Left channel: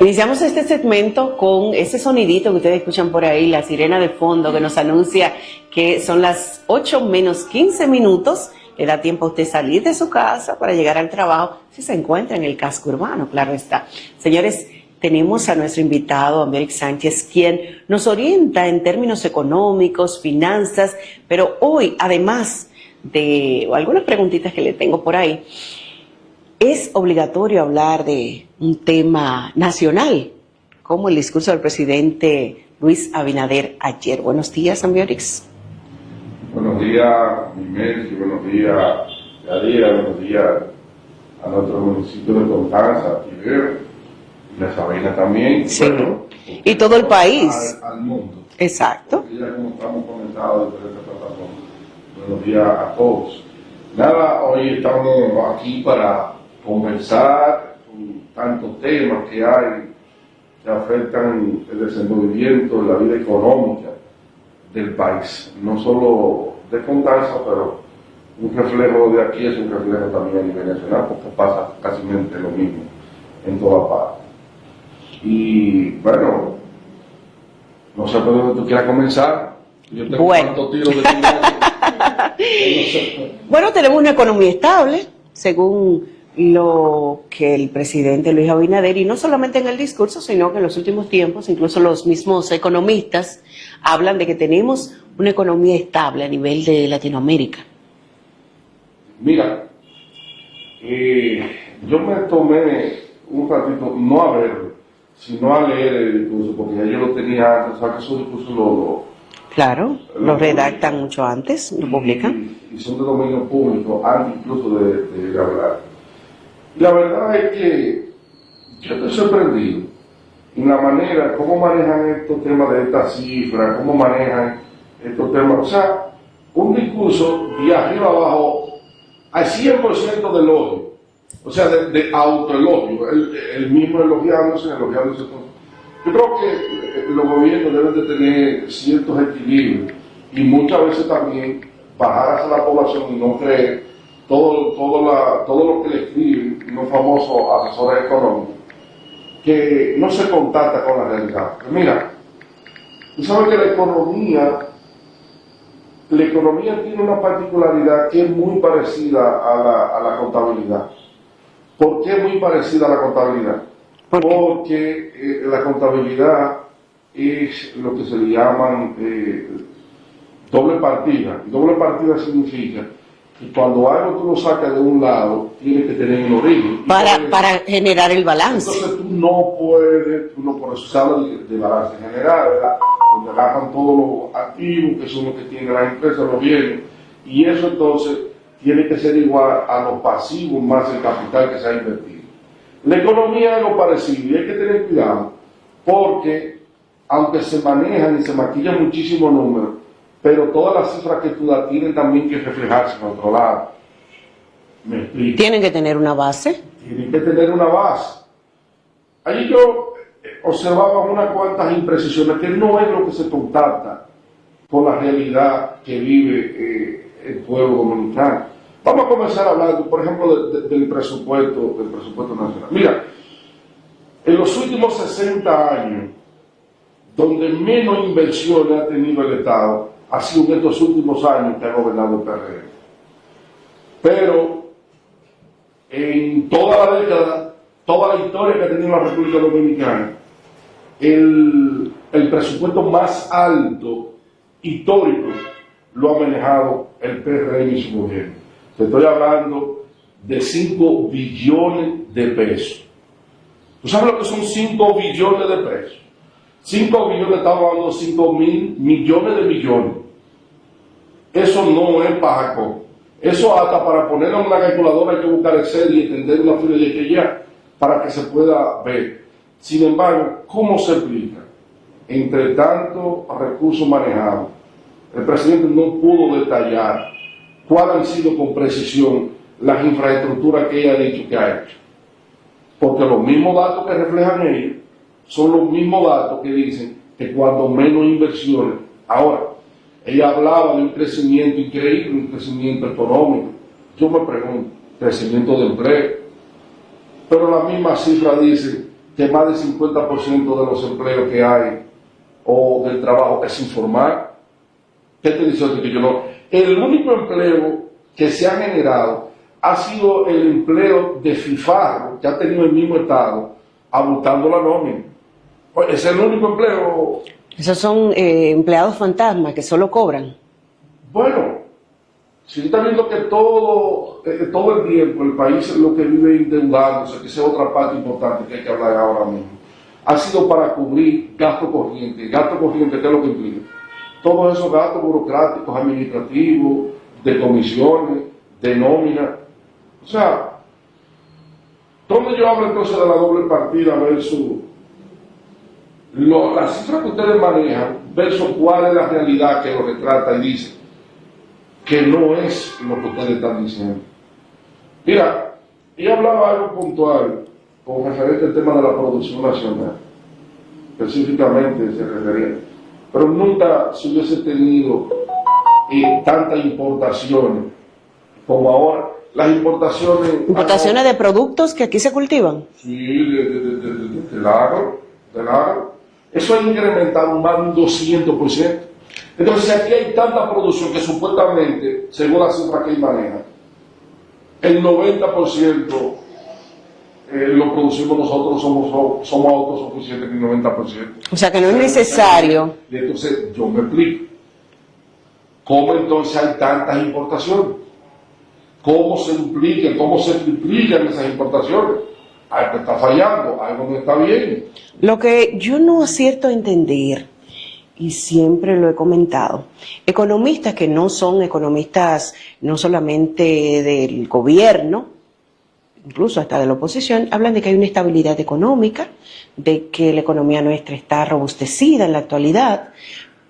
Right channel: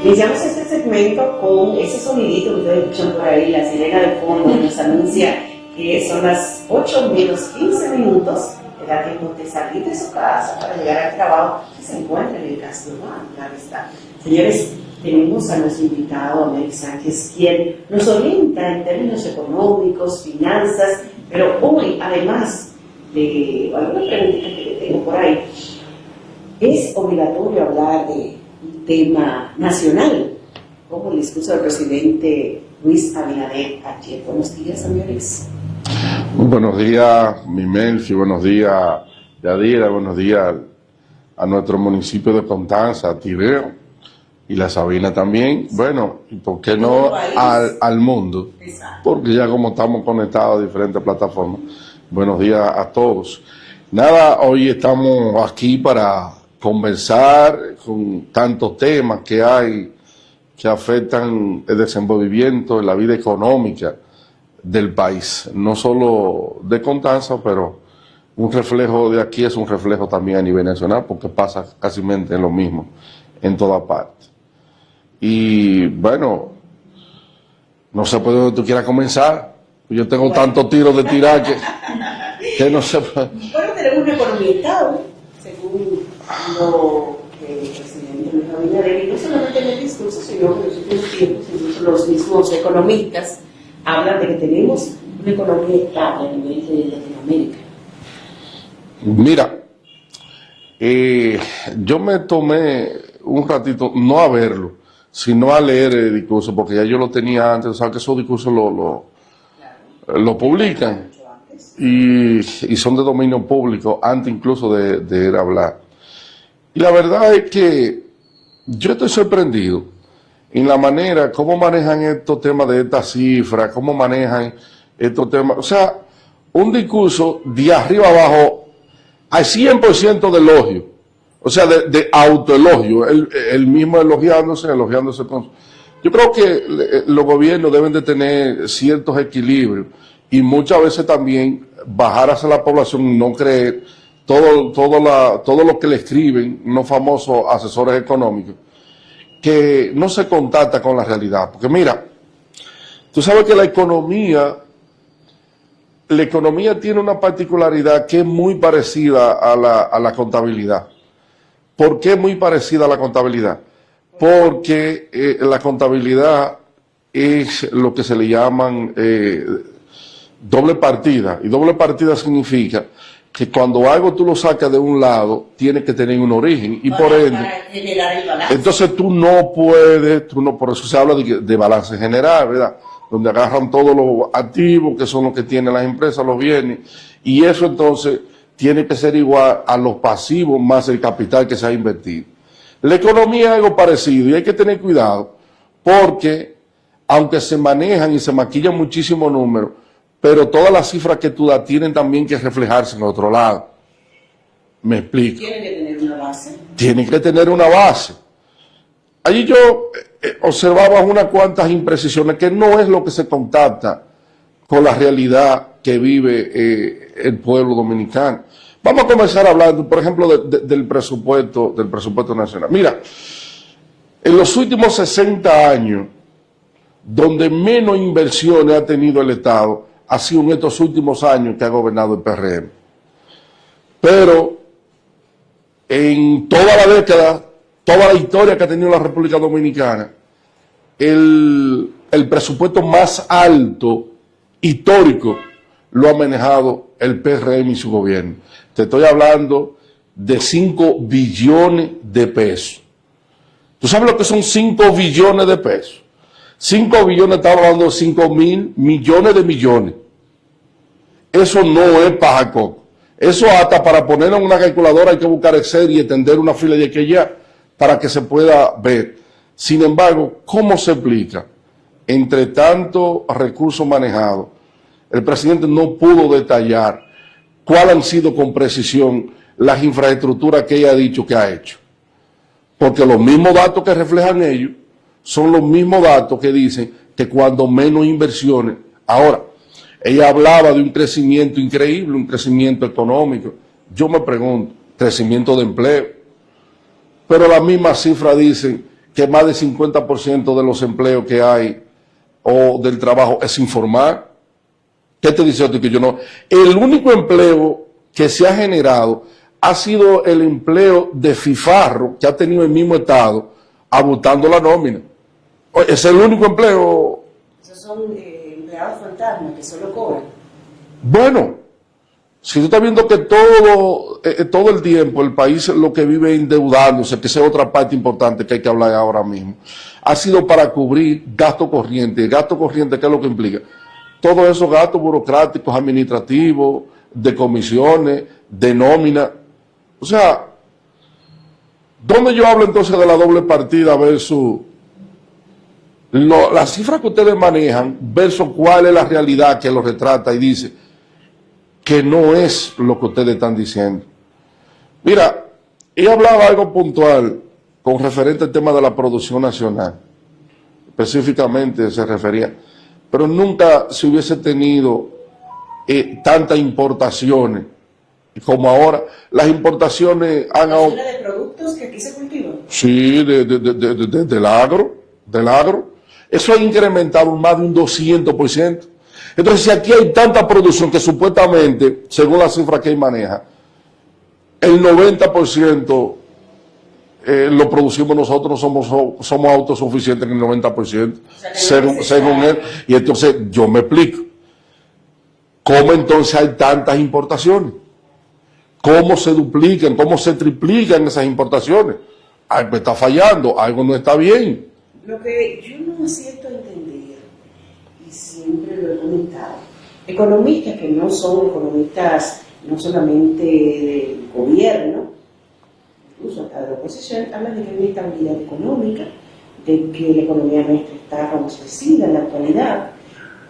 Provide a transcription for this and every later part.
Iniciamos este segmento con ese sonidito que ustedes escuchan por ahí, la sirena de fondo que nos anuncia que son las 8 menos 15 minutos. Le da tiempo a usted salir de su casa para llegar al trabajo si se encuentra en el casco urbano, claro está. Señores, tenemos a nuestro invitado, Améric Sánchez, quien nos orienta en términos económicos, finanzas, pero hoy, además de algunas preguntitas que le tengo por ahí, es obligatorio hablar de un tema nacional, como el discurso del presidente Luis Abinader ayer. Buenos días, Améric. Muy buenos días, Mimelfi, buenos días, Yadira, buenos días a nuestro municipio de Constanza, a Tiber y la Sabina también. Sí. Bueno, ¿por qué y todo no el país. al mundo? Exacto. Porque ya como estamos conectados a diferentes plataformas. Buenos días a todos. Nada, hoy estamos aquí para conversar con tantos temas que hay que afectan el desenvolvimiento, la vida económica del país, no solo de Constanza, pero un reflejo de aquí es un reflejo también a nivel nacional, porque pasa casi lo mismo en toda parte. Y bueno, no sé por dónde tú quieras comenzar. Yo tengo tantos tiros de tirar que no sé. Bueno, tenemos una economía estable, según lo que el presidente Luis Abinader, y no solamente en el discurso, sino que en los últimos tiempos, incluso los mismos economistas hablan de que tenemos una economía estable a nivel de Latinoamérica. Mira, yo me tomé un ratito, no a verlo, sino a leer el discurso, porque ya yo lo tenía antes, sabes que esos discursos Claro, lo redactan mucho antes, y son de dominio público, antes incluso de él hablar. Y la verdad es que yo estoy sorprendido en la manera, cómo manejan estos temas de estas cifras, cómo manejan estos temas. O sea, un discurso de arriba abajo al 100% de elogio, o sea, de autoelogio, el mismo elogiándose entonces. Yo creo que los gobiernos deben de tener ciertos equilibrios y muchas veces también bajar hacia la población y no creer todo lo que le escriben los famosos asesores económicos, que no se contacta con la realidad. Porque mira, tú sabes que la economía tiene una particularidad que es muy parecida a la contabilidad. ¿Por qué es muy parecida a la contabilidad? Porque la contabilidad es lo que se le llaman doble partida. Y doble partida significa que cuando algo tú lo sacas de un lado, tiene que tener un origen. Y para generar el balance. Entonces tú no puedes, por eso se habla de balance general, ¿verdad? Donde agarran todos los activos, que son los que tienen las empresas, los bienes, y eso entonces tiene que ser igual a los pasivos más el capital que se ha invertido. La economía es algo parecido y hay que tener cuidado porque aunque se manejan y se maquillan muchísimos números, pero todas las cifras que tú das tienen también que reflejarse en otro lado. ¿Me explico? Tienen que tener una base. Tienen que tener una base. Allí yo observaba unas cuantas imprecisiones que no es lo que se contacta con la realidad que vive el pueblo dominicano. Vamos a comenzar hablando, por ejemplo, del presupuesto nacional. Mira, en los últimos 60 años, donde menos inversiones ha tenido el Estado, ha sido en estos últimos años que ha gobernado el PRM. Pero en toda la década, toda la historia que ha tenido la República Dominicana, el presupuesto más alto histórico lo ha manejado el PRM y su gobierno. Te estoy hablando de 5 billones de pesos. ¿Tú sabes lo que son 5 billones de pesos? 5 billones, estamos hablando de 5.000 millones de millones. Eso no es pajaco. Eso hasta para ponerlo en una calculadora hay que buscar Excel y extender una fila de aquí allá para que se pueda ver. Sin embargo, ¿cómo se explica? Entre tantos recursos manejados, el presidente no pudo detallar cuáles han sido con precisión las infraestructuras que ella ha dicho que ha hecho. Porque los mismos datos que reflejan ellos son los mismos datos que dicen que cuando menos inversiones. Ahora, ella hablaba de un crecimiento increíble, un crecimiento económico. Yo me pregunto, crecimiento de empleo. Pero la misma cifra dice que más del 50% de los empleos que hay o del trabajo es informal. ¿Qué te dice esto? Que yo no. El único empleo que se ha generado ha sido el empleo de fifarro que ha tenido el mismo Estado abultando la nómina. Es el único empleo. Esos son empleados fantasmas que solo cobran. Bueno, si tú estás viendo que todo el tiempo el país lo que vive endeudándose, que esa es otra parte importante que hay que hablar ahora mismo, ha sido para cubrir gasto corriente. Gasto corriente, ¿qué es lo que implica? Todos esos gastos burocráticos, administrativos, de comisiones, de nómina. O sea, ¿dónde yo hablo entonces de la doble partida versus las cifras que ustedes manejan versus cuál es la realidad que lo retrata y dice que no es lo que ustedes están diciendo? Mira, he hablado algo puntual con referente al tema de la producción nacional. Específicamente se refería, pero nunca se hubiese tenido tantas importaciones como ahora. Las importaciones... ¿Importaciones de productos que aquí se cultivan? Sí, del agro. Eso ha incrementado más de un 200%. Entonces, si aquí hay tanta producción que supuestamente, según la cifra que él maneja, el 90% lo producimos nosotros, somos autosuficientes en el 90%. O sea, que no es necesario. Y entonces, yo me explico. ¿Cómo entonces hay tantas importaciones? ¿Cómo se duplican? ¿Cómo se triplican esas importaciones? Algo está fallando, algo no está bien. Lo que yo no acierto a entender, y siempre lo he comentado, economistas que no son economistas no solamente del gobierno, incluso hasta de la oposición, hablan de que hay una estabilidad económica, de que la economía nuestra está robustecida en la actualidad,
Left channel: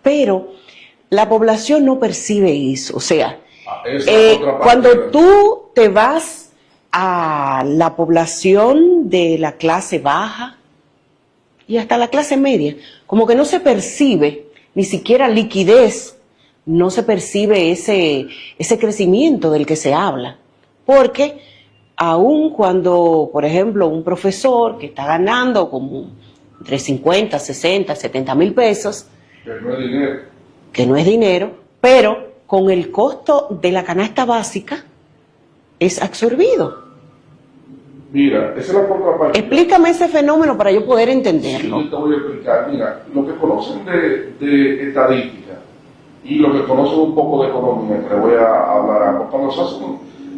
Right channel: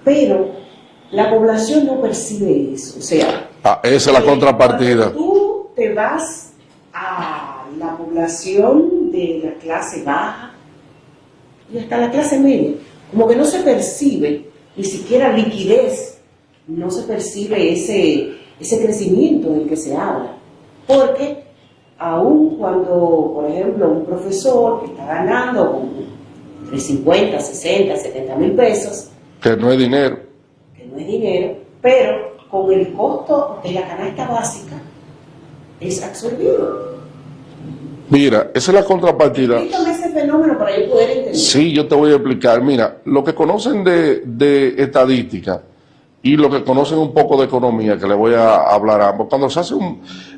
pero la población no percibe eso. O sea, esa es la contrapartida. Cuando tú te vas a la población de la clase baja y hasta la clase media, como que no se percibe ni siquiera liquidez, no se percibe ese crecimiento del que se habla. Porque aun cuando, por ejemplo, un profesor que está ganando como entre 50, 60, 70 mil pesos, que no es dinero, pero con el costo de la canasta básica es absorbido. Mira, esa es la contrapartida. Explícame ese fenómeno para yo poder entenderlo. Sí, yo te voy a explicar. Mira, lo que conocen de estadística y lo que conocen un poco de economía, que le voy a hablar a ambos, cuando se hace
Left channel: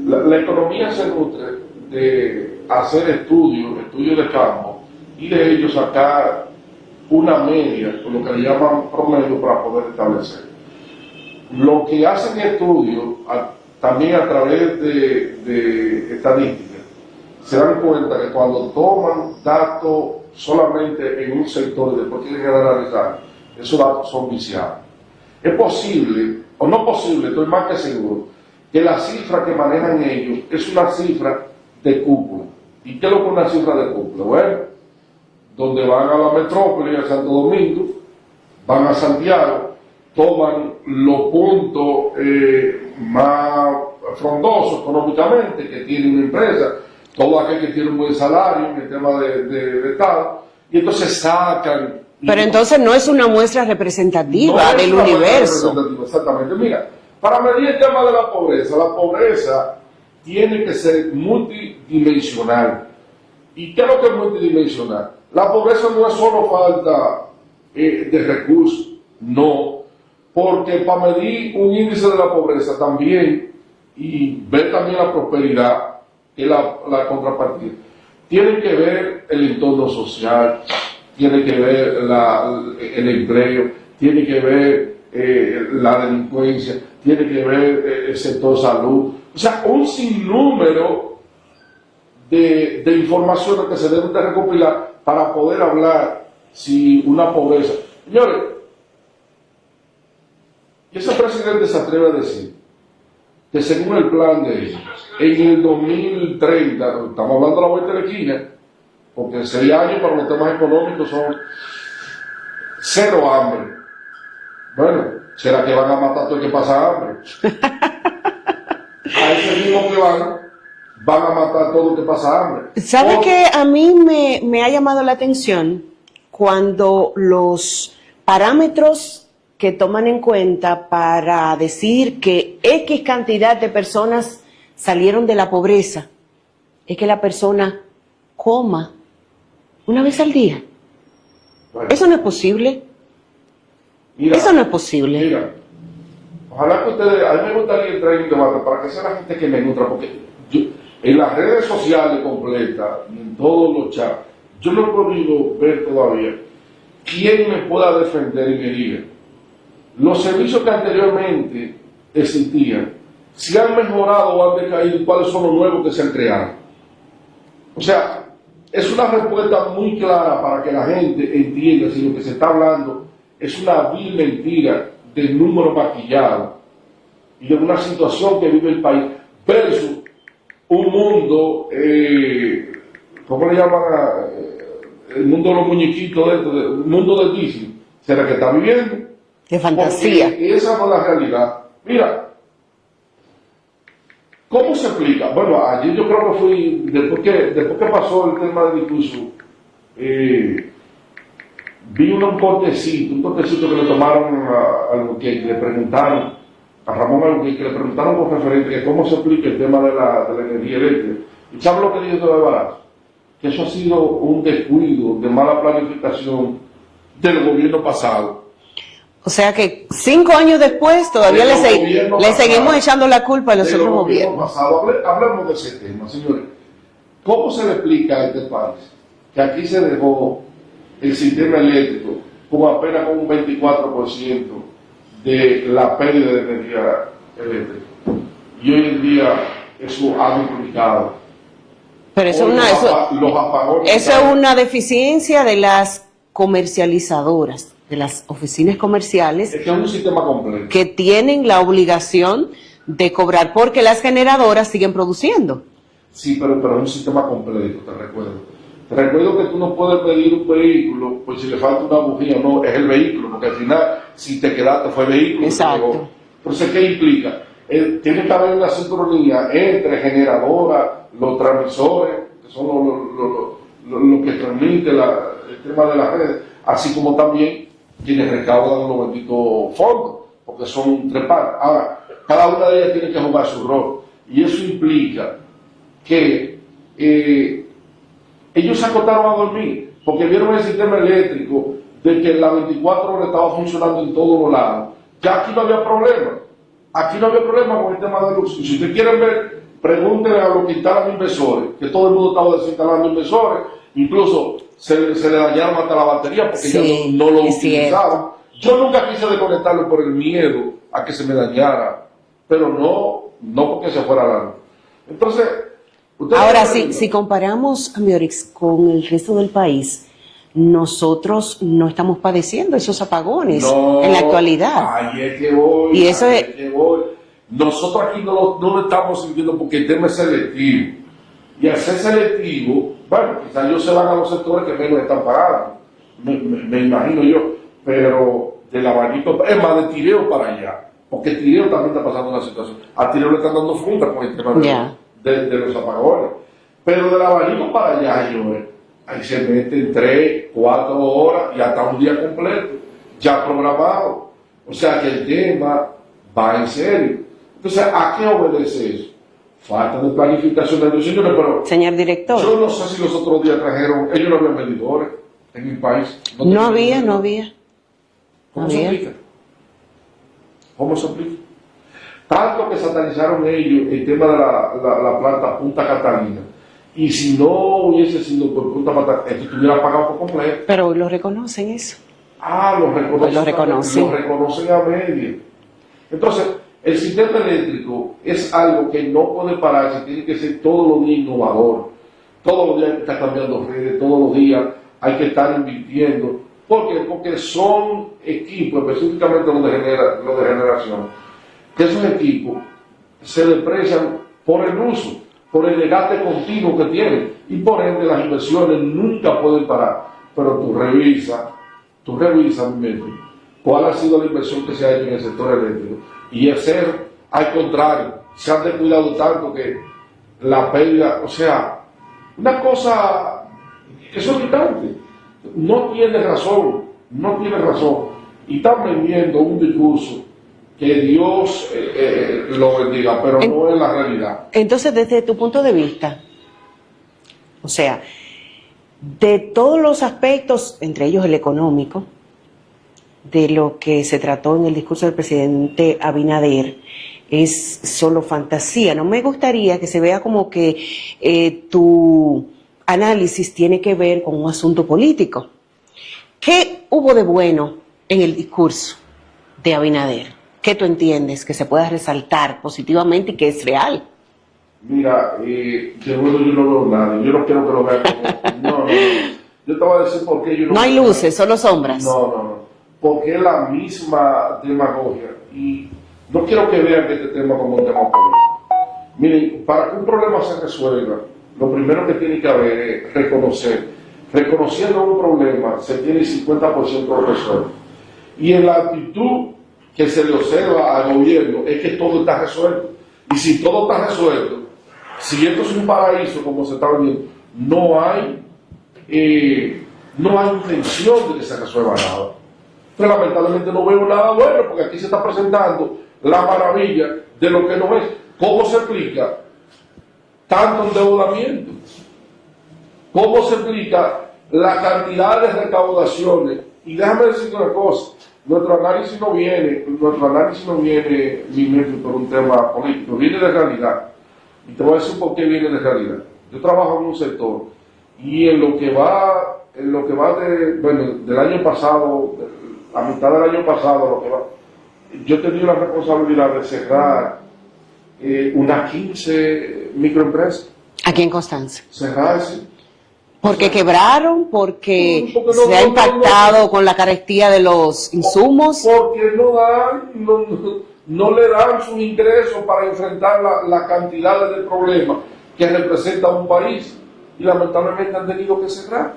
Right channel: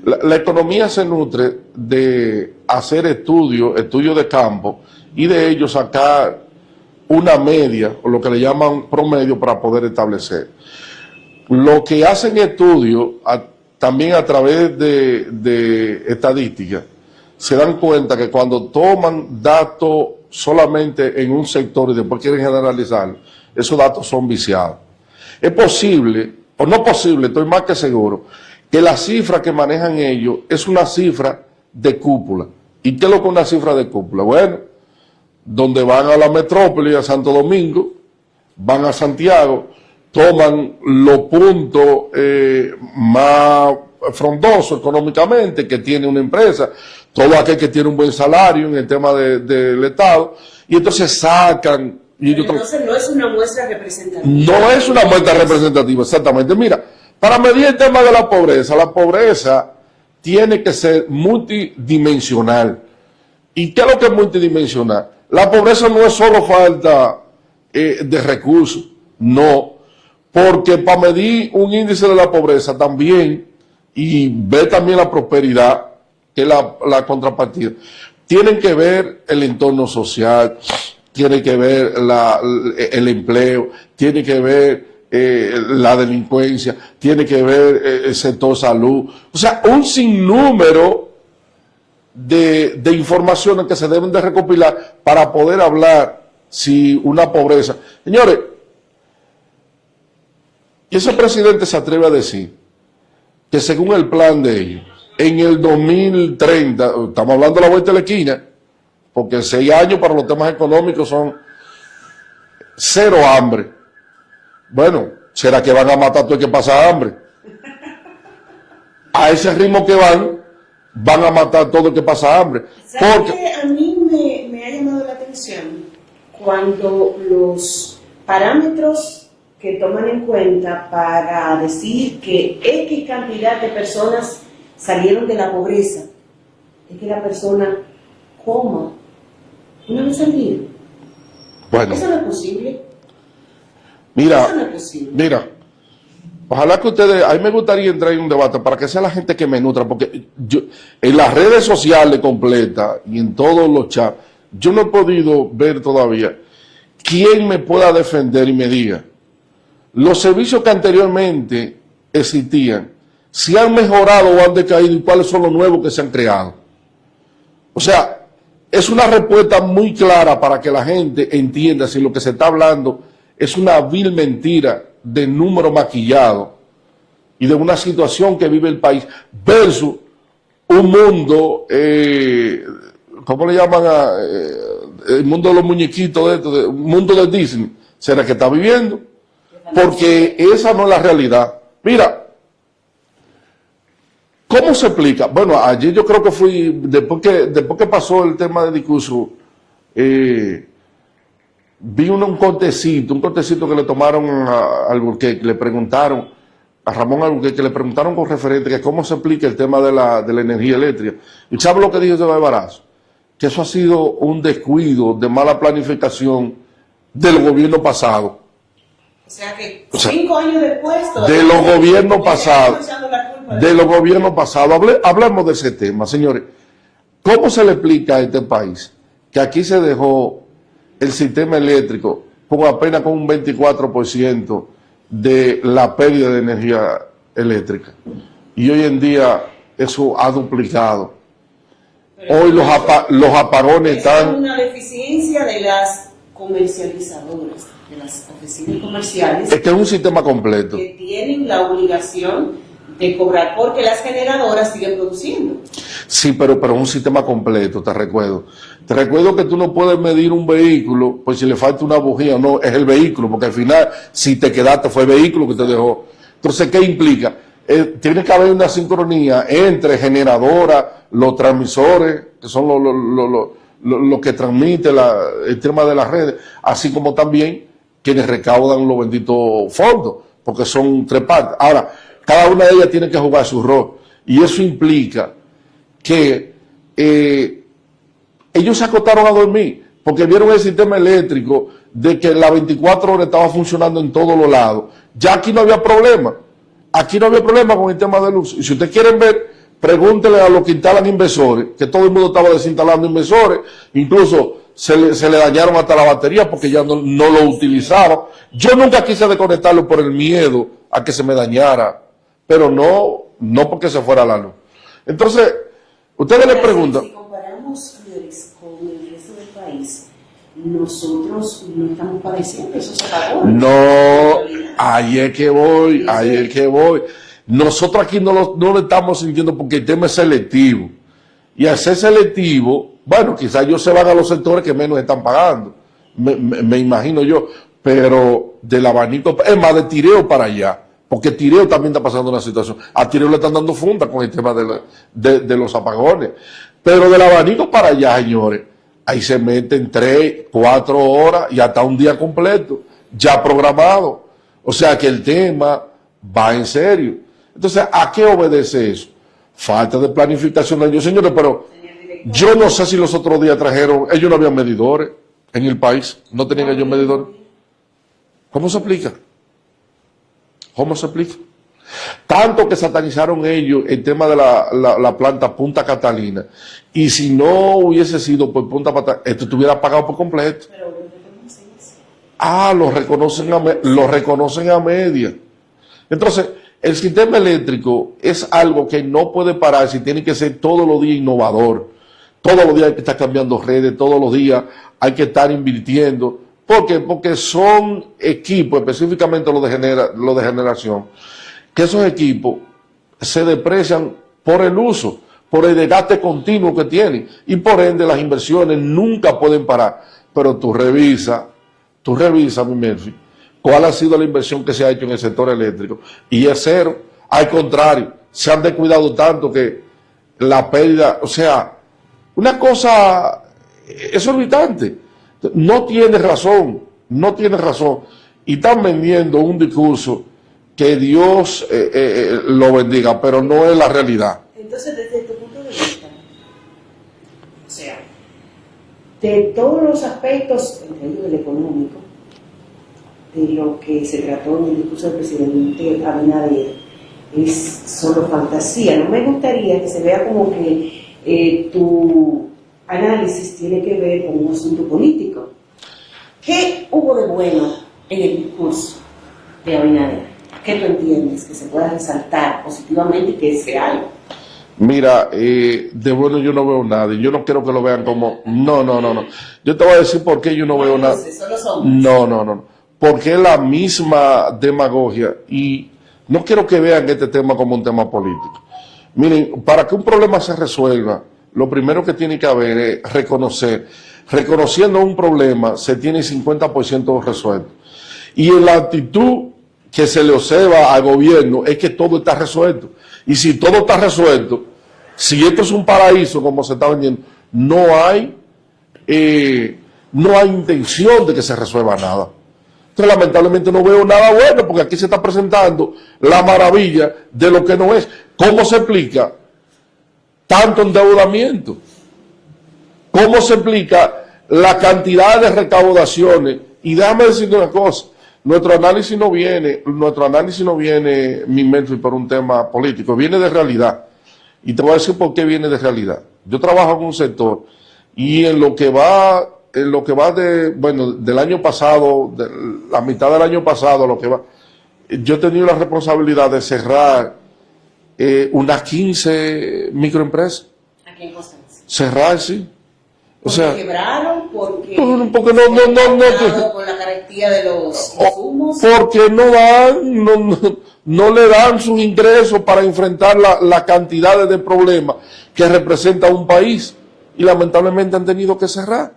la economía se nutre de hacer estudios de campo y de ellos sacar una media, o lo que le llaman promedio, para poder establecer. Lo que hacen estudios, también a través de estadística, se dan cuenta que cuando toman datos solamente en un sector y después quieren generalizar, esos datos son viciados. Es posible, o no posible, estoy más que seguro, que la cifra que manejan ellos es una cifra de cúpula. ¿Y qué es lo que es una cifra de cúpula? Bueno, donde van a la metrópoli, a Santo Domingo, van a Santiago, toman los puntos más frondosos económicamente que tiene una empresa, todo aquel que tiene un buen salario en el tema del Estado, y entonces sacan... Pero entonces no es una muestra representativa. No es una muestra representativa, exactamente. Mira, para medir el tema de la pobreza tiene que ser multidimensional. ¿Y qué es lo que es multidimensional? La pobreza no es solo falta de recursos, no. Porque para medir un índice de la pobreza también, y ver también la prosperidad, que es la contrapartida, tienen que ver el entorno social, tiene que ver el empleo, tiene que ver la delincuencia, tiene que ver el sector salud. O sea, un sinnúmero de informaciones que se deben de recopilar para poder hablar si una pobreza. Señores, y ese presidente se atreve a decir que según el plan de ellos, en el 2030, estamos hablando de la vuelta de la esquina, porque 6 años para los temas económicos son cero hambre. Bueno, ¿será que van a matar todo el que pasa hambre? A ese ritmo que van, van a matar todo el que pasa hambre. ¿Sabe Porque- que a mí me ha llamado la atención cuando los parámetros que toman en cuenta para decir que X cantidad de personas salieron de la pobreza es que la persona coma una vez al día? Bueno, Eso no es posible. mira, Eso no es posible. Mira, ojalá que ustedes, a mí me gustaría entrar en un debate para que sea la gente que me nutra, porque yo, en las redes sociales completas y en todos los chats, yo no he podido ver todavía quién me pueda defender y me diga, los servicios que anteriormente existían, si han mejorado o han decaído y cuáles son los nuevos que se han creado. O sea, es una respuesta muy clara para que la gente entienda si lo que se está hablando es una vil mentira de número maquillado y de una situación que vive el país versus un mundo, ¿cómo le llaman el mundo de los muñequitos, un mundo de Disney? ¿Será que está viviendo? De fantasía. Porque esa no es la realidad. Mira, ¿cómo se explica? Bueno, ayer yo creo que fui, después que pasó el tema de discurso, vi un cortecito que le tomaron al Burqué, que le preguntaron, a Ramón Alburquerque, que le preguntaron con referente que cómo se explica el tema de la energía eléctrica. ¿Y sabe lo que dijo Echevarría Barazo? Que eso ha sido un descuido de mala planificación del gobierno pasado. O sea que 5 años después todavía de los gobiernos le pasados, seguimos echando la culpa a de los gobiernos gobiernos. pasados. Hablemos de ese tema, señores. ¿Cómo se le explica a este país que aquí se dejó el sistema eléctrico con apenas con un 24% de la pérdida de energía eléctrica? Y hoy en día eso ha duplicado. Pero eso, Hoy no- los apagones eso están... es una deficiencia de las comercializadoras, de las oficinas comerciales Es que es un sistema completo. que tienen la obligación de cobrar porque las generadoras siguen produciendo. Sí, pero un sistema completo, te recuerdo. Te recuerdo que tú no puedes medir un vehículo, pues si le falta una bujía, no, es el vehículo, porque al final, si te quedaste, fue el vehículo que te Exacto. dejó. Entonces, ¿qué implica? Tiene que haber una sincronía entre generadora, los transmisores, que son los que transmiten el tema de las redes, así como también quienes recaudan los benditos fondos, porque son tres partes. Ahora, cada una de ellas tiene que jugar su rol, y eso implica que ellos se acostaron a dormir, porque vieron el sistema eléctrico de que las 24 horas estaba funcionando en todos los lados. Ya aquí no había problema. Aquí no había problema con el tema de luz. Y si ustedes quieren ver, pregúntenle a los que instalan inversores, que todo el mundo estaba desinstalando inversores, incluso se le dañaron hasta la batería porque Sí, ya no lo es utilizaban. Yo nunca quise desconectarlo por el miedo a que se me dañara, pero no porque se fuera la luz. Entonces, ustedes Ahora, me si, preguntan... si comparamos a Miorix con el resto del país, nosotros no estamos padeciendo esos apagones No, en la actualidad. ahí es que voy, Y eso ahí es- es que voy. Nosotros aquí no lo estamos sintiendo porque el tema es selectivo. Y al ser selectivo, bueno, quizás ellos se van a los sectores que menos están pagando. Me imagino yo. Pero del abanico, es más, de Tireo para allá. Porque Tireo también está pasando una situación. A Tireo le están dando funda con el tema Ya. de los apagones. Pero del abanico para allá, señores, ahí se meten 3, 4 horas y hasta un día completo, ya programado. O sea que el tema va en serio. Entonces, ¿a qué obedece eso? Falta de planificación de Dios, señores, pero Señor director, yo no sé si los otros días trajeron, ellos no habían medidores en el país. no tenían ellos había, no medidores. había. ¿Cómo se había. explica? ¿Cómo se explica? Tanto que satanizaron ellos el tema de la planta Punta Catalina. Y si no hubiese sido por Punta Catalina, esto estuviera pagado por completo. Pero lo reconocen eso. Ah, lo reconocen a media. Entonces, el sistema eléctrico es algo que no puede pararse, tiene que ser todos los días innovador. Todos los días hay que estar cambiando redes, todos los días hay que estar invirtiendo. ¿Por qué? Porque son equipos, específicamente los de generación, que esos equipos se deprecian por el uso, por el desgaste continuo que tienen, y por ende las inversiones nunca pueden parar. Pero tú revisa, mi Melfi, cuál ha sido la inversión que se ha hecho en el sector eléctrico, y es cero. Al contrario, se han descuidado tanto que la pérdida, o sea, una cosa exorbitante. No tiene razón, no tiene razón. Y están vendiendo un discurso que Dios lo bendiga, pero no es la realidad. Entonces, desde tu punto de vista, o sea, de todos los aspectos, entre ellos el económico, de lo que se trató en el discurso del presidente Abinader, es solo fantasía. No me gustaría que se vea como que tu análisis tiene que ver con un asunto político. ¿Qué hubo de bueno en el discurso de Abinader? ¿Qué tú entiendes que se pueda resaltar positivamente y que es real? Mira, de bueno yo no veo nada. Yo no quiero que lo vean como... No. Yo te voy a decir por qué yo no veo nada. No hay luces, solo sombras. No. Porque es la misma demagogia. Y no quiero que vean este tema como un tema político. Miren, para que un problema se resuelva, lo primero que tiene que haber es reconocer. Reconociendo un problema, se tiene 50% resuelto. Y en la actitud que se le observa al gobierno es que todo está resuelto. Y si todo está resuelto, si esto es un paraíso como se está vendiendo, no hay intención de que se resuelva nada. Entonces, lamentablemente no veo nada bueno, porque aquí se está presentando la maravilla de lo que no es. ¿Cómo se explica tanto endeudamiento? ¿Cómo se explica la cantidad de recaudaciones? Y déjame decirte una cosa, nuestro análisis no viene, mi Memphis, por un tema político, viene de realidad. Y te voy a decir por qué viene de realidad. Yo trabajo en un sector y en lo que va del año pasado, de la mitad del año pasado, yo he tenido la responsabilidad de cerrar unas 15 microempresas. Aquí en Constanza. Cerrar, sí. Porque quebraron, porque se ha impactado con la carestía de los insumos. Porque no le dan sus ingresos para enfrentar la cantidad de problemas que representa un país. Y lamentablemente han tenido que cerrar.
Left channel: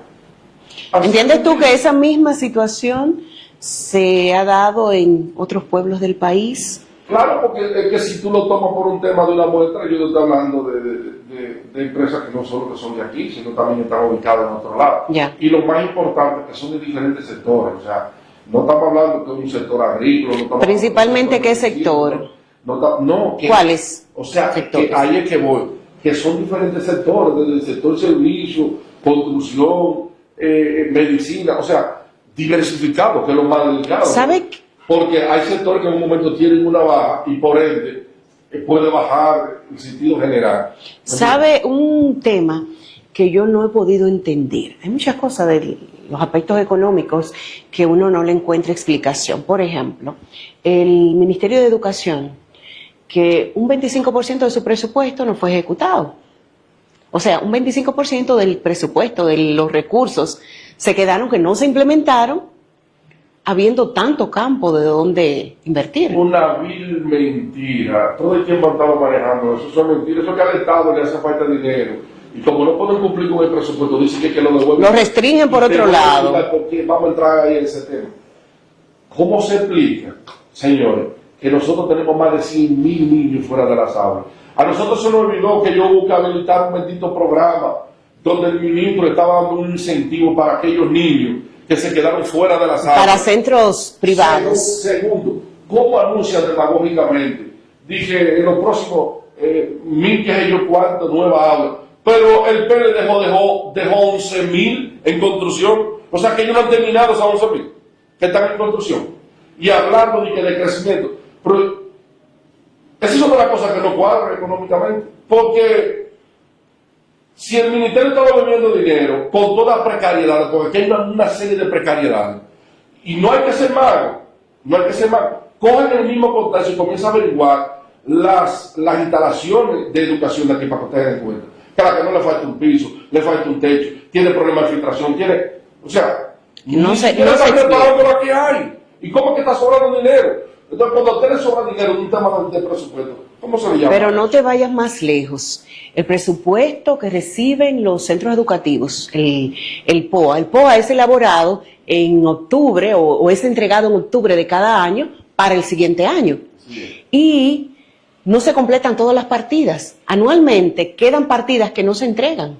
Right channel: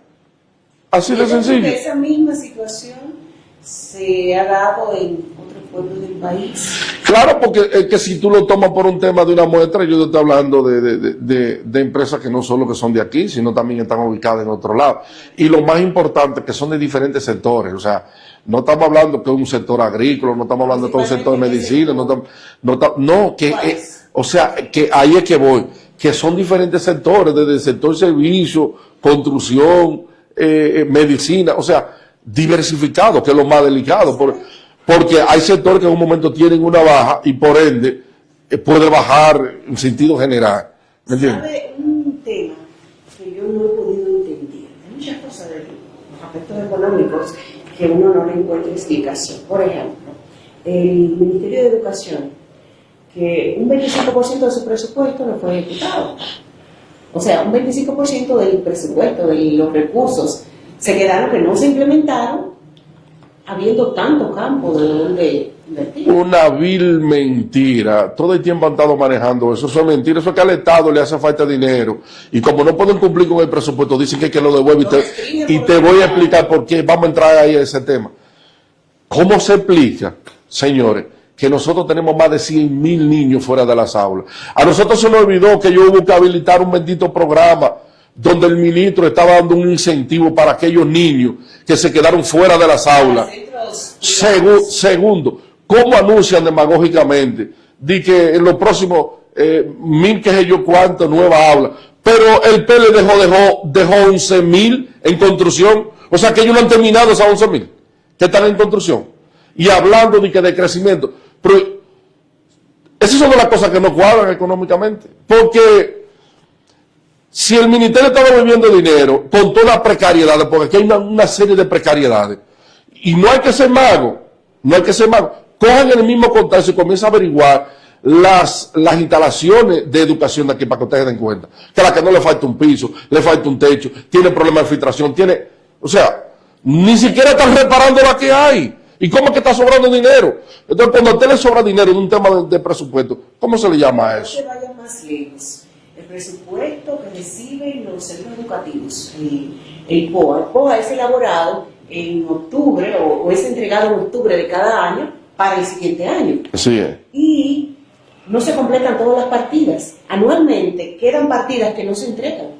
¿Entiendes tú que esa misma situación se ha dado en otros pueblos del país? Claro, porque es que si tú lo tomas por un tema de una muestra, yo te estoy hablando de empresas que no solo que son de aquí, sino también están ubicadas en otro lado. Ya. Y lo más importante, que son de diferentes sectores. O sea, no estamos hablando que es un sector agrícola, no estamos hablando que es un sector de medicina. ¿Cuáles? O sea, que ahí es que voy. Que son diferentes sectores, desde el sector servicio, construcción, medicina, o sea, diversificado, que es lo más delicado. Porque hay sectores que en un momento tienen una baja y por ende puede bajar en sentido general. ¿Sabe un tema que yo no he podido entender? Hay muchas cosas de los aspectos económicos que uno no le encuentra explicación. Por ejemplo, el Ministerio de Educación, que un 25% de su presupuesto no fue ejecutado. O sea, un 25% del presupuesto, de los recursos, se quedaron que no se implementaron, habiendo tanto campo de donde invertir. Una vil mentira. Todo el tiempo han estado manejando eso. Eso es mentira. Eso es que al Estado le hace falta dinero. Y como no pueden cumplir con el presupuesto, dicen que lo devuelven. Lo restringen por otro lado. Y te voy a lado. explicar por qué. Vamos a entrar ahí a ese tema. ¿Cómo se explica, señores, que nosotros tenemos más de 100,000 niños fuera de las aulas? A nosotros se nos olvidó que yo hubo que habilitar un bendito programa donde el ministro estaba dando un incentivo para aquellos niños que se quedaron fuera de las aulas. Para centros privados. Segundo, ¿cómo anuncian demagógicamente de que en los próximos 1,000 que sé yo cuánto nuevas aulas? Pero el PL dejó 11,000 en construcción. O sea que ellos no han terminado esas 11,000 que están en construcción. Y hablando de que de crecimiento. Pero esas son las cosas que no cuadran económicamente. Porque si el ministerio estaba bebiendo dinero con todas las precariedades, porque aquí hay una serie de precariedades, y no hay que ser mago, cojan el mismo contacto y comiencen a averiguar las instalaciones de educación de aquí para que ustedes den cuenta. Que a la que no le falta un piso, le falta un techo, tiene problemas de filtración, ni siquiera están reparando la que hay. ¿Y cómo es que está sobrando dinero? Entonces, cuando a usted le sobra dinero en un tema de presupuesto, ¿cómo se le llama Pero eso? no te vayas más lejos. El presupuesto que reciben los centros educativos, el POA. El POA es elaborado en octubre o es entregado en octubre de cada año para el siguiente año. Así es. Y no se completan todas las partidas. Anualmente quedan partidas que no se entregan.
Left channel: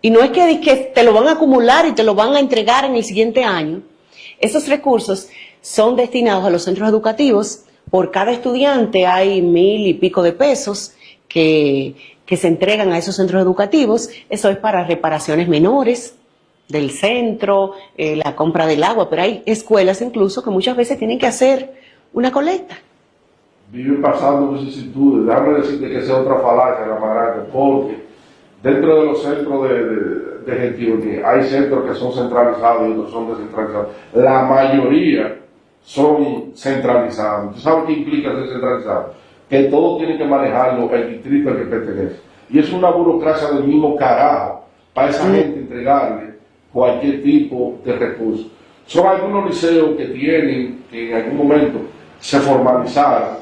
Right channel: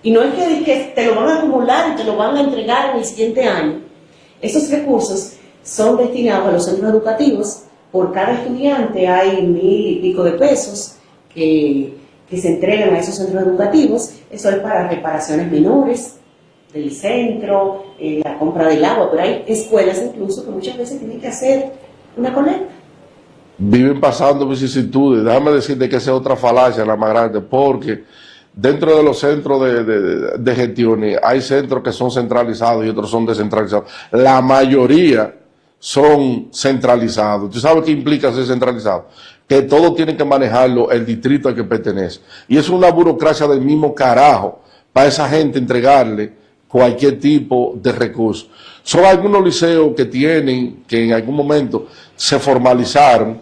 Y no es que te lo van a acumular y te lo van a entregar en el siguiente año. Esos recursos son destinados a los centros educativos. Por cada estudiante hay 1,000 y pico de pesos que se entregan a esos centros educativos. Eso es para reparaciones menores del centro, la compra del agua, pero hay escuelas incluso que muchas veces tienen que hacer una colecta. Viven pasando vicisitudes. Déjame decirte que esa es otra falacia, la más grande, porque dentro de los centros de gestión hay centros que son centralizados y otros son descentralizados. La mayoría son centralizados. ¿Tú sabes qué implica ser centralizado? Que todo tiene que manejarlo el distrito al que pertenece. Y es una burocracia del mismo carajo para esa gente entregarle cualquier tipo de recurso. Son algunos liceos que tienen, que en algún momento se formalizaron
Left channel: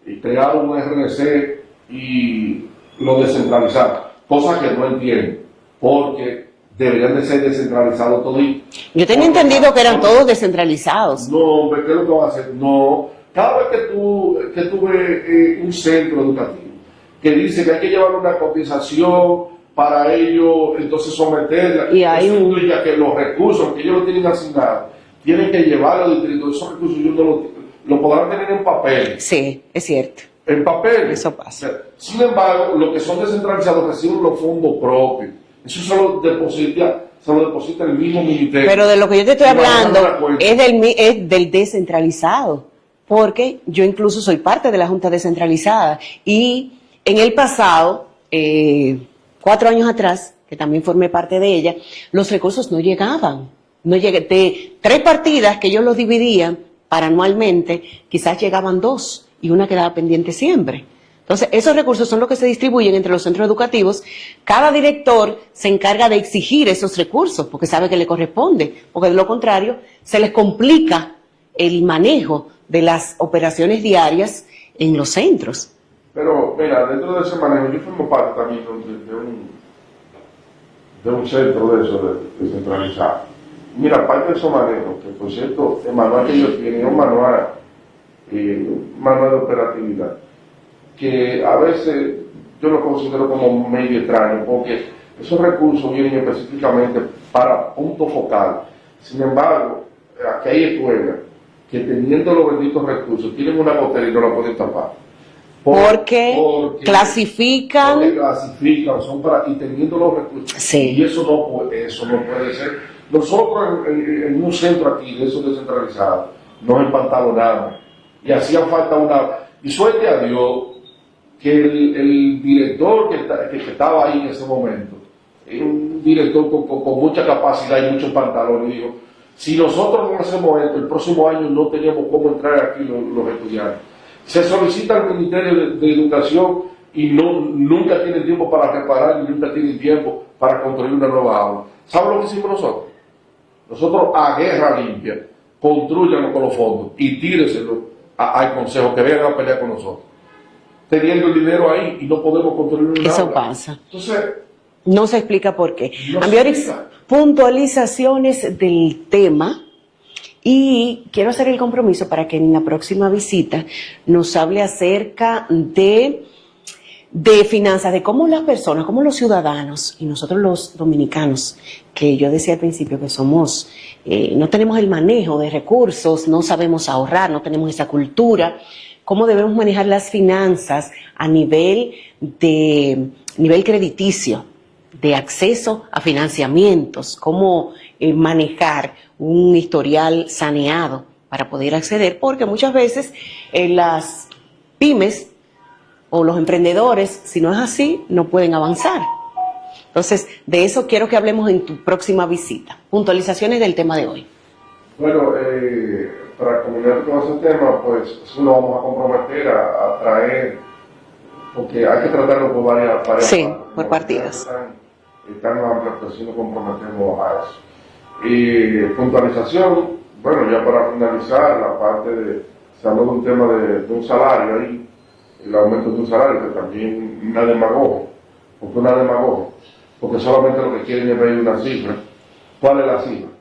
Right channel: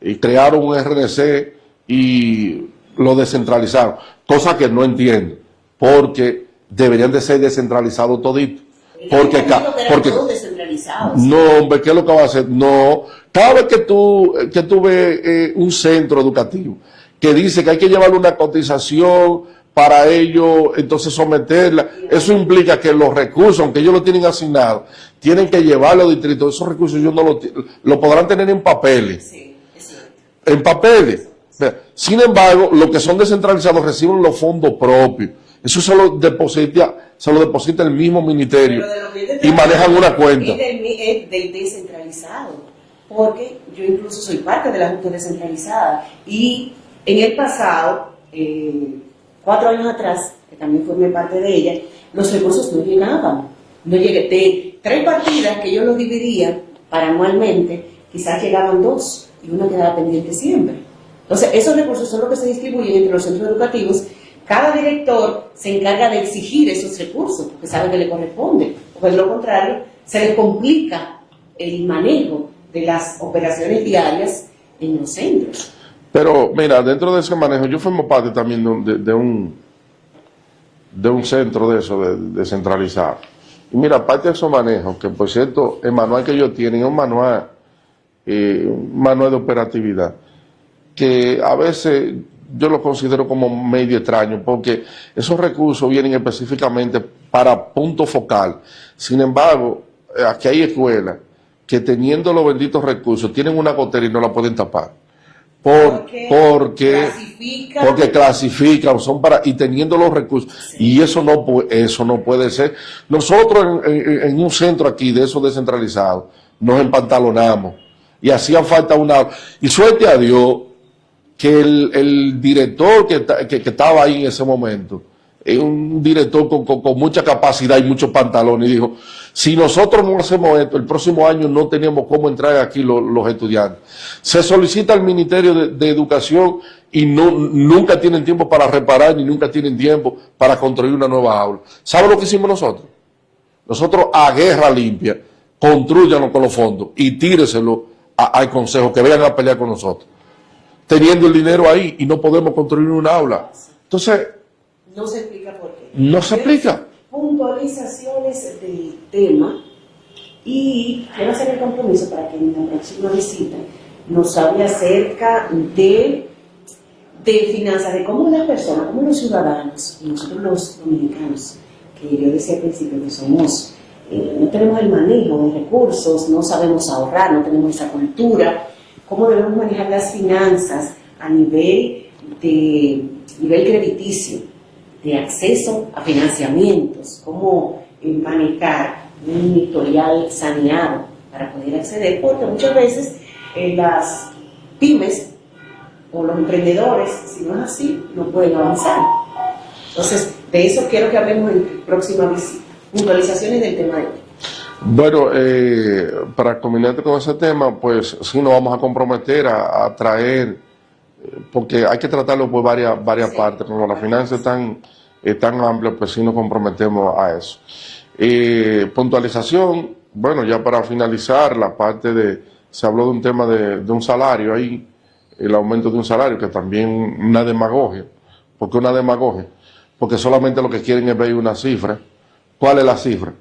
y crearon un RNC y lo descentralizaron, cosa que no entiendo, porque deberían de ser descentralizados toditos. Yo tenía entendido que eran todos descentralizados. No, hombre, ¿qué es lo que va a hacer? No, cada vez que tú ves un centro educativo que dice que hay que llevar una cotización para ello, entonces someterla, eso implica que los recursos, aunque ellos lo tienen asignados, tienen que llevarlo a los distritos. Esos recursos ellos no lo podrán tener en papeles. Sí, es cierto. En papeles. Eso pasa. Sin embargo, los que son descentralizados reciben los fondos propios. Eso se lo deposita el mismo ministerio. Pero de lo que yo te estoy hablando es del descentralizado. Porque yo incluso soy parte de la Junta Descentralizada. Y en el pasado, 4 años atrás, que también formé parte de ella, los recursos no llegaban. De 3 partidas que ellos los dividían para anualmente, quizás llegaban 2 y una quedaba pendiente siempre. Entonces, esos recursos son los que se distribuyen entre los centros educativos. Cada director se encarga de exigir esos recursos porque sabe que le corresponde, porque de lo contrario se les complica el manejo de las operaciones diarias en los centros. Pero mira, dentro de ese manejo, yo formo parte también de un centro de eso, descentralizado. Y mira, parte de esos manejos, que por cierto, el manual que ellos tienen es un manual de operatividad, que a veces yo lo considero como medio extraño, porque esos recursos vienen específicamente para punto focal. Sin embargo, aquí hay escuelas que teniendo los benditos recursos tienen una gotera y no la pueden tapar. Porque clasifican, son para, y teniendo los recursos. Sí. Y eso no puede ser. Nosotros en un centro aquí de esos descentralizados nos empantalonamos y hacía falta y suerte a Dios que el director que estaba ahí en ese momento es un director con mucha capacidad y muchos pantalones, y dijo: si nosotros no hacemos esto, el próximo año no teníamos cómo entrar aquí los estudiantes. Se solicita al Ministerio de Educación y nunca tienen tiempo para reparar ni nunca tienen tiempo para construir una nueva aula. ¿Saben lo que hicimos nosotros? Nosotros, a guerra limpia, construyanlo con los fondos y tíreselo al Consejo, que vengan a pelear con nosotros. Teniendo el dinero ahí y no podemos construir una aula. Pasa. Entonces, no se explica por qué. No se explica. Puntualizaciones del tema, y quiero hacer el compromiso para que en la próxima visita nos hable acerca de finanzas, de cómo las personas, cómo los ciudadanos y nosotros los dominicanos, que yo decía al principio que somos, no tenemos el manejo de recursos, no sabemos ahorrar, no tenemos esa cultura, cómo debemos manejar las finanzas a nivel crediticio, de acceso a financiamientos, cómo manejar un historial saneado para poder acceder, porque muchas veces las pymes o los emprendedores, si no es así, no pueden avanzar. Entonces, de eso quiero que hablemos en tu próxima visita. Puntualizaciones del tema de hoy. Bueno, para culminar con ese tema, pues sí nos vamos a comprometer a traer, porque hay que tratarlo por varias partes, ¿no? Las finanzas tan amplias, pues sí nos comprometemos a eso. Puntualización, bueno, ya para finalizar, la parte se habló de un tema de un salario ahí, el aumento de un salario, que también una demagogia. ¿Por qué una demagogia? Porque solamente lo que quieren es pedir una cifra. ¿Cuál es la cifra?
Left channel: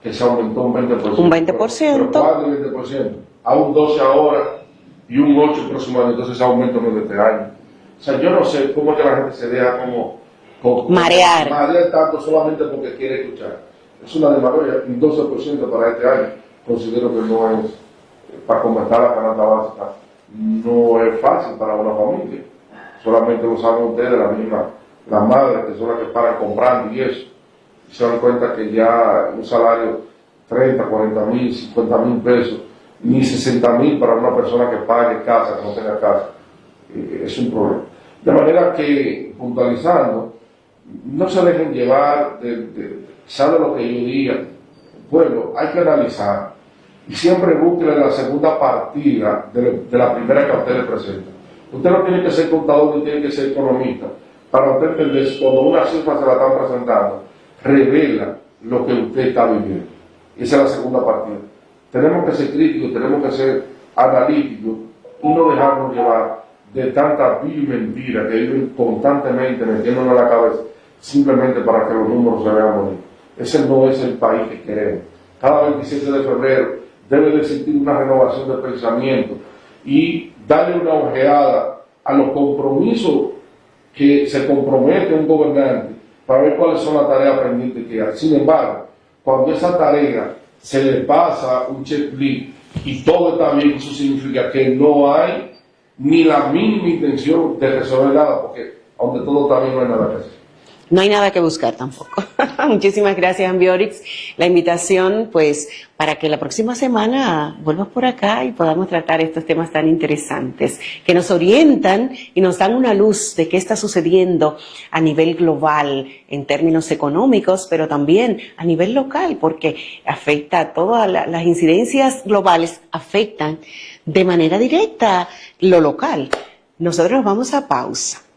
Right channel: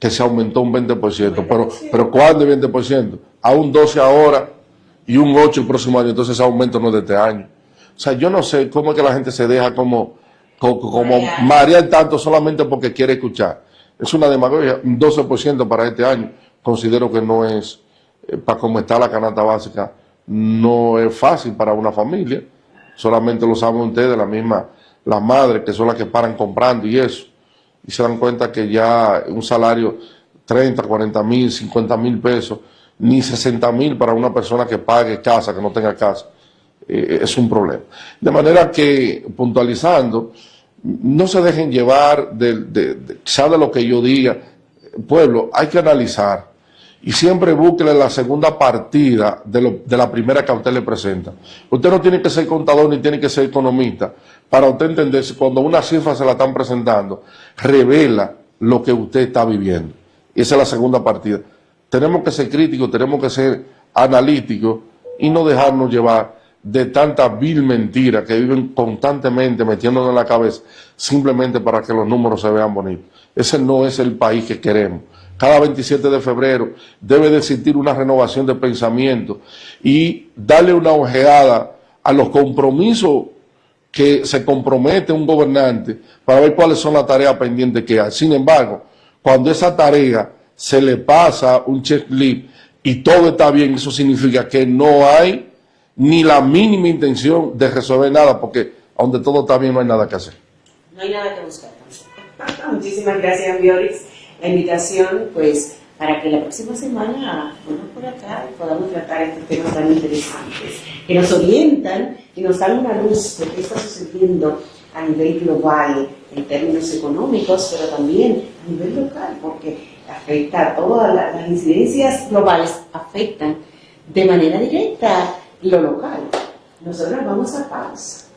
Que se aumentó un 20%. Un 20%. Pero ¿cuándo el 20%? A un 12% ahora, y un 8 el próximo año, entonces ese aumento no es de este año. O sea, yo no sé cómo es que la gente se deja como marear tanto solamente porque quiere escuchar. Es una demagogia. Un 12% para este año considero que no es, para cómo está la canasta básica, no es fácil para una familia. Solamente lo saben ustedes, la madre, que son las que paran comprando y eso. Y se dan cuenta que ya un salario 30, 40 mil, 50 mil pesos, ni 60 mil para una persona que pague casa, que no tenga casa, es un problema. De manera que, puntualizando, no se dejen llevar sabe lo que yo diga, pueblo, hay que analizar y siempre busque la segunda partida de la primera que a usted le presenta. Usted no tiene que ser contador ni tiene que ser economista para usted entender si cuando una cifra se la están presentando, revela lo que usted está viviendo. Y esa es la segunda partida. Tenemos que ser críticos, tenemos que ser analíticos y no dejarnos llevar de tanta vil mentira que viven constantemente metiéndonos en la cabeza simplemente para que los números se vean bonitos. Ese no es el país que queremos. Cada 27 de febrero debe de existir una renovación de pensamiento y darle una ojeada a los compromisos que se compromete un gobernante para ver cuáles son las tareas pendientes que hay. Sin embargo, cuando esa tarea se le pasa un checklist y todo está bien, eso significa que no hay ni la mínima intención de resolver nada, porque donde todo está bien no hay nada que hacer. No hay nada que buscar tampoco. Muchísimas gracias, Ambiorix. La invitación, pues, para que la próxima semana vuelvas por acá y podamos tratar estos temas tan interesantes, que nos orientan y nos dan una luz de qué está sucediendo a nivel global, en términos económicos, pero también a nivel local, porque afecta, todas las incidencias globales afectan de manera directa lo local. Nosotros vamos a pausa.